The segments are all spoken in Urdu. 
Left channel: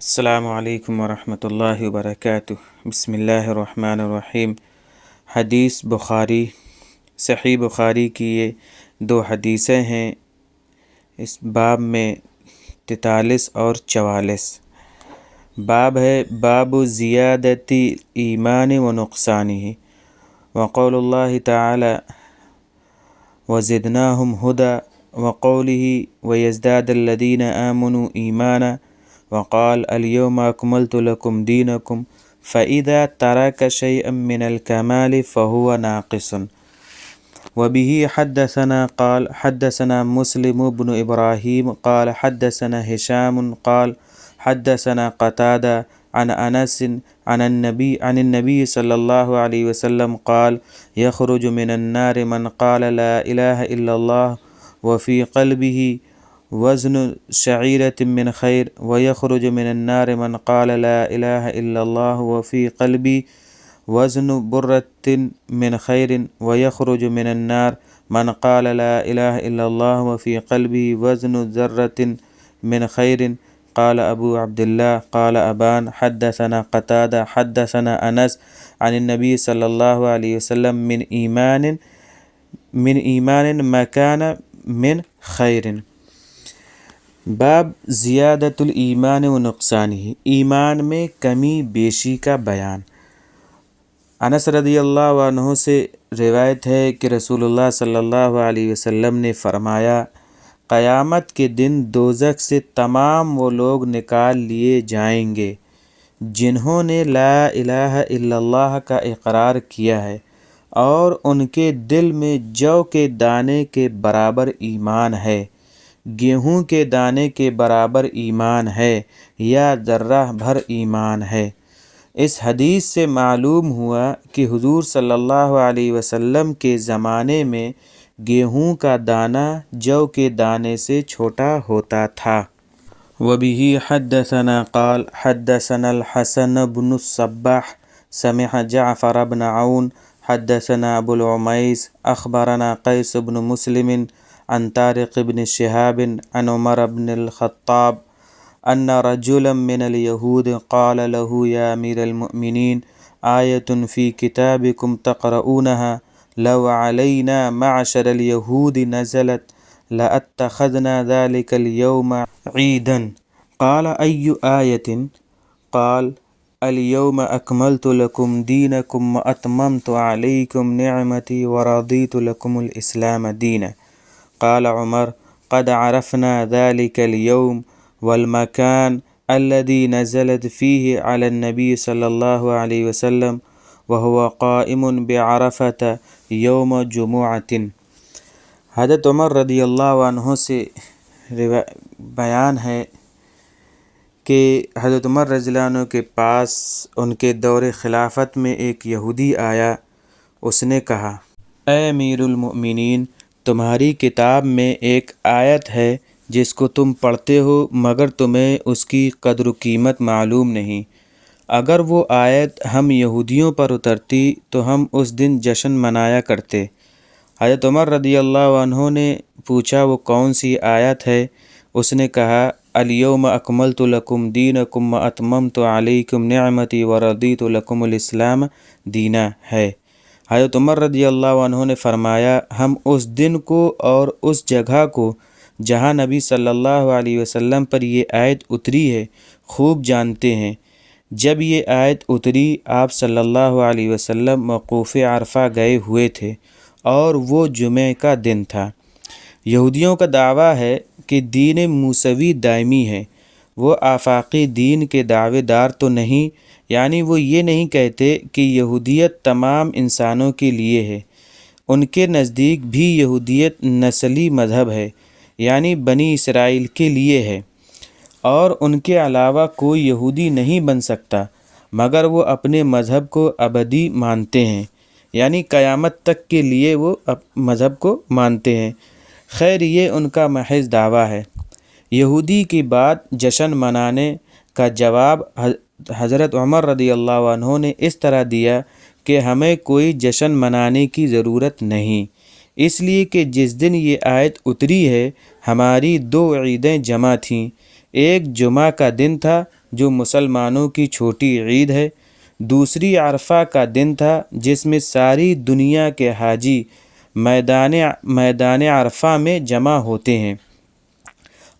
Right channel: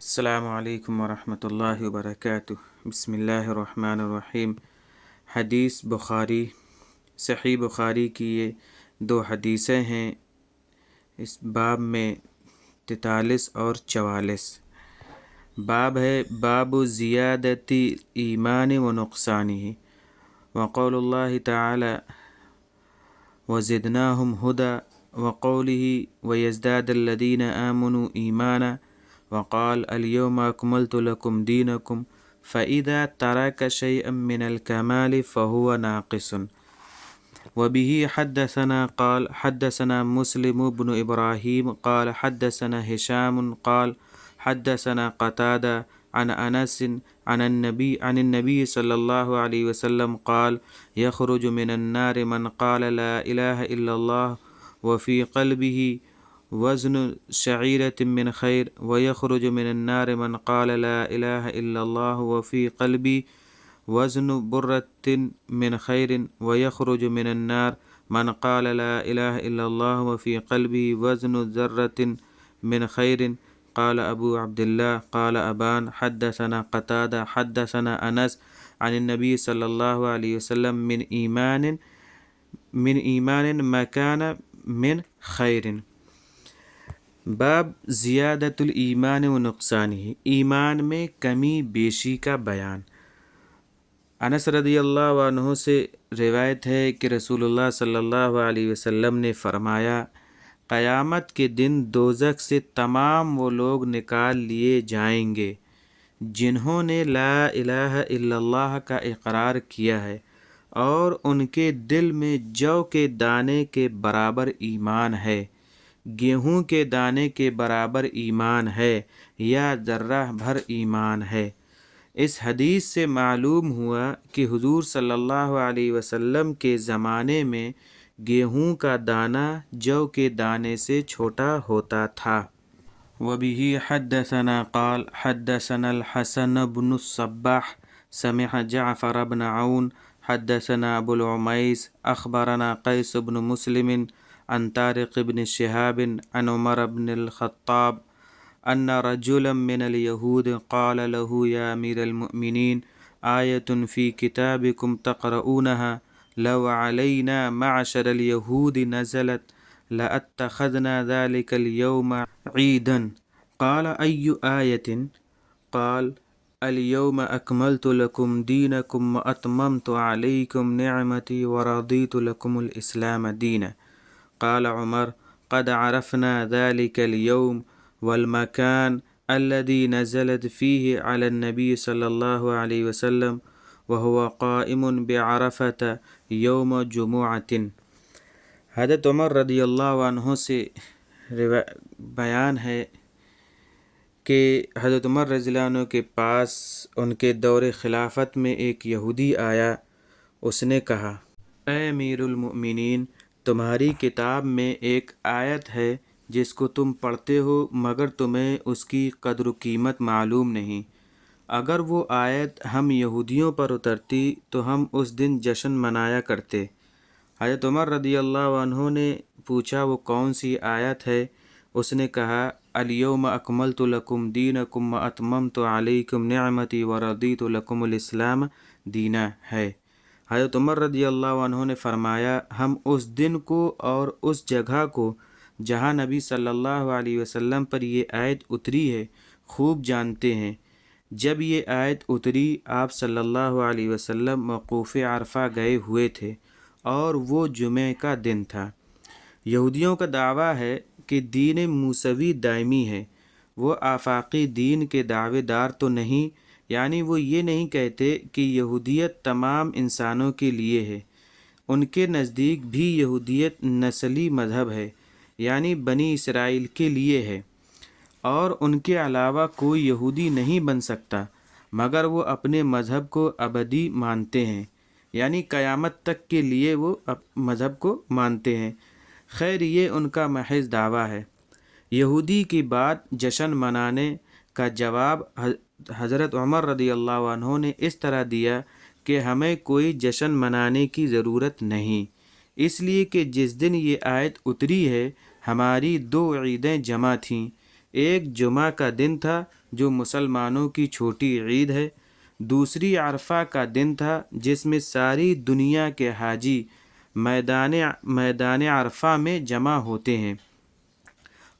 السلام علیکم ورحمۃ اللہ وبرکاتہ۔ بسم اللہ الرحمن الرحیم۔ حدیث بخاری، صحیح بخاری کی یہ 2 حدیثیں ہیں، اس باب میں 43 اور 44۔ باب ہے باب زیادت ایمان و نقصانہ، وقول اللہ تعالی وزدناہم ہدی، وقولہ ویزداد الذین آمنوا ایمانا، وقال اليوم أكملت لكم دينكم، فإذا ترك شيئا من الكمال فهو ناقص۔ وبه حدثنا قال حدثنا مسلم بن إبراهيم قال حدثنا هشام قال حدثنا قتادة عن أنس عن النبي صلى الله عليه وسلم قال يخرج من النار من قال لا إله إلا الله وفي قلبه وزن شعيرة من خير، ويخرج من النار من قال لا إله إلا الله وفي قلبي وزن برة من خير، ويخرج من النار من قال لا إله إلا الله وفي قلبه وزن ذرة من خير۔ قال أبو عبد الله قال أبان حدثنا قتادة حدثنا أنس عن النبي صلى الله عليه وسلم من إيمان ما كان من خير۔ باب زیادت الایمان و نقصانہ، ایمان میں کمی بیشی کا بیان۔ انس رضی اللہ عنہ سے روایت ہے کہ رسول اللہ صلی اللہ علیہ وسلم نے فرمایا، قیامت کے دن دوزخ سے تمام وہ لوگ نکال لیے جائیں گے جنہوں نے لا الہ الا اللہ کا اقرار کیا ہے اور ان کے دل میں جو کے دانے کے برابر ایمان ہے، گیہوں کے دانے کے برابر ایمان ہے یا ذرہ بھر ایمان ہے۔ اس حدیث سے معلوم ہوا کہ حضور صلی اللہ علیہ وسلم کے زمانے میں گیہوں کا دانہ جو کے دانے سے چھوٹا ہوتا تھا۔ وبہ حدثنا قال حدثنا الحسن بن الصباح سمع جعفر بن عون حدثنا ابو العمیس اخبرنا قیس بن مسلم عن طارق بن شهاب عن عمر بن الخطاب أن رجلا من اليهود قال له يا أمير المؤمنين آية في كتابكم تقرؤونها لو علينا معشر اليهود نزلت لأتخذنا ذلك اليوم عيدا۔ قال أي آية؟ قال اليوم أكملت لكم دينكم وأتممت عليكم نعمتي ورضيت لكم الإسلام دينا۔ قال عمر قد عرفنا ذلك اليوم والمكان الذي نزلت فيه على النبي صلى الله عليه وسلم وهو قائم بعرفة يوم جمعة۔ حضرت عمر رضی اللہ عنہ سے بیان ہے کہ حضرت عمر رضی اللہ عنہ کے پاس ان کے دور خلافت میں ایک یہودی آیا، اس نے کہا، اے امیر المؤمنین، تمہاری کتاب میں ایک آیت ہے جس کو تم پڑھتے ہو مگر تمہیں اس کی قدر و قیمت معلوم نہیں۔ اگر وہ آیت ہم یہودیوں پر اترتی تو ہم اس دن جشن منایا کرتے۔ حضرت عمر رضی اللہ عنہ نے پوچھا وہ کون سی آیت ہے؟ اس نے کہا، الیوم اکملت لکم دینکم واتممت علیکم نعمتی ورضیت لکم الاسلام دینا ہے۔ حضرت عمر رضی اللہ عنہ نے فرمایا، ہم اس دن کو اور اس جگہ کو جہاں نبی صلی اللہ علیہ وسلم پر یہ آیت اتری ہے خوب جانتے ہیں۔ جب یہ آیت اتری آپ صلی اللہ علیہ وسلم موقوف عرفہ گئے ہوئے تھے اور وہ جمعہ کا دن تھا۔ یہودیوں کا دعویٰ ہے کہ دین موسوی دائمی ہے، وہ آفاقی دین کے دعوے دار تو نہیں، یعنی وہ یہ نہیں کہتے کہ یہودیت تمام انسانوں کے لیے ہے۔ ان کے نزدیک بھی یہودیت نسلی مذہب ہے، یعنی بنی اسرائیل کے لیے ہے، اور ان کے علاوہ کوئی یہودی نہیں بن سکتا مگر وہ اپنے مذہب کو ابدی مانتے ہیں، یعنی قیامت تک کے لیے وہ مذہب کو مانتے ہیں۔ خیر یہ ان کا محض دعویٰ ہے۔ یہودی کی بات جشن منانے کا جواب حضرت عمر رضی اللہ عنہ نے اس طرح دیا کہ ہمیں کوئی جشن منانے کی ضرورت نہیں، اس لیے کہ جس دن یہ آیت اتری ہے ہماری 2 عیدیں جمع تھیں، ایک جمعہ کا دن تھا جو مسلمانوں کی چھوٹی عید ہے، دوسری عرفہ کا دن تھا جس میں ساری دنیا کے حاجی میدان عرفہ میں جمع ہوتے ہیں،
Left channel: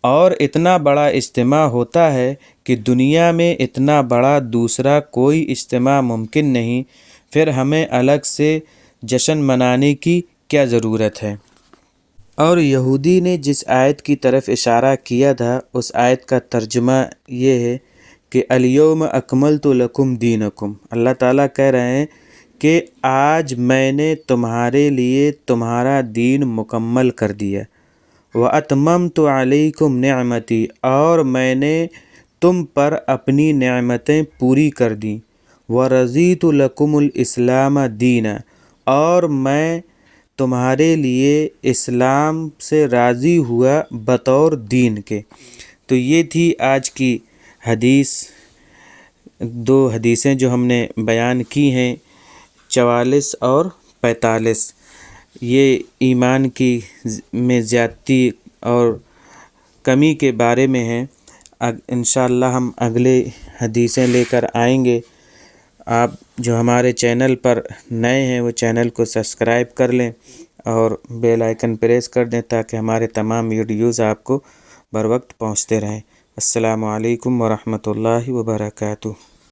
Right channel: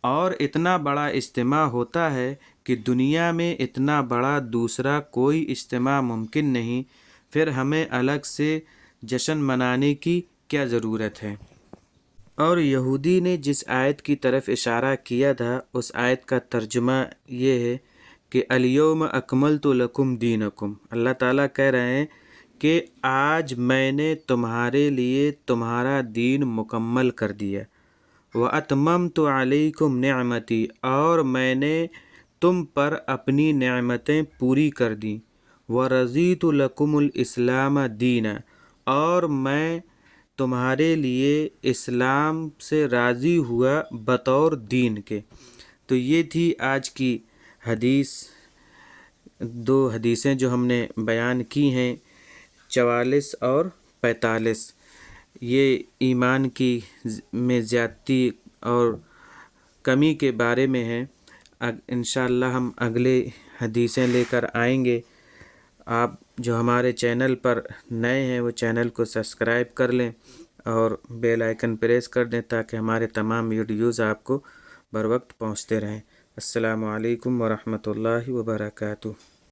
اور اتنا بڑا اجتماع ہوتا ہے کہ دنیا میں اتنا بڑا دوسرا کوئی اجتماع ممکن نہیں، پھر ہمیں الگ سے جشن منانے کی کیا ضرورت ہے؟ اور یہودی نے جس آیت کی طرف اشارہ کیا تھا، اس آیت کا ترجمہ یہ ہے کہ الیوم اکملت لکم دینکم، اللہ تعالیٰ کہہ رہے ہیں کہ آج میں نے تمہارے لیے تمہارا دین مکمل کر دیا، وَأَتْمَمْتُ عَلَيْكُمْ نِعْمَتِي، اور میں نے تم پر اپنی نعمتیں پوری کر دیں، وَرَضِيتُ لَكُمُ الْإِسْلَامَ دِينًا، اور میں تمہارے لیے اسلام سے راضی ہوا بطور دین کے۔ تو یہ تھی آج کی حدیث، دو حدیثیں جو ہم نے بیان کی ہیں، 44 اور 45، یہ ایمان کی میں زیادتی اور کمی کے بارے میں ہیں۔ انشاءاللہ ہم اگلے حدیثیں لے کر آئیں گے۔ آپ جو ہمارے چینل پر نئے ہیں وہ چینل کو سبسکرائب کر لیں اور بیل آئیکن پریس کر دیں تاکہ ہمارے تمام ویڈیوز آپ کو بر وقت پہنچتے رہیں۔ السلام علیکم ورحمۃ اللہ وبرکاتہ۔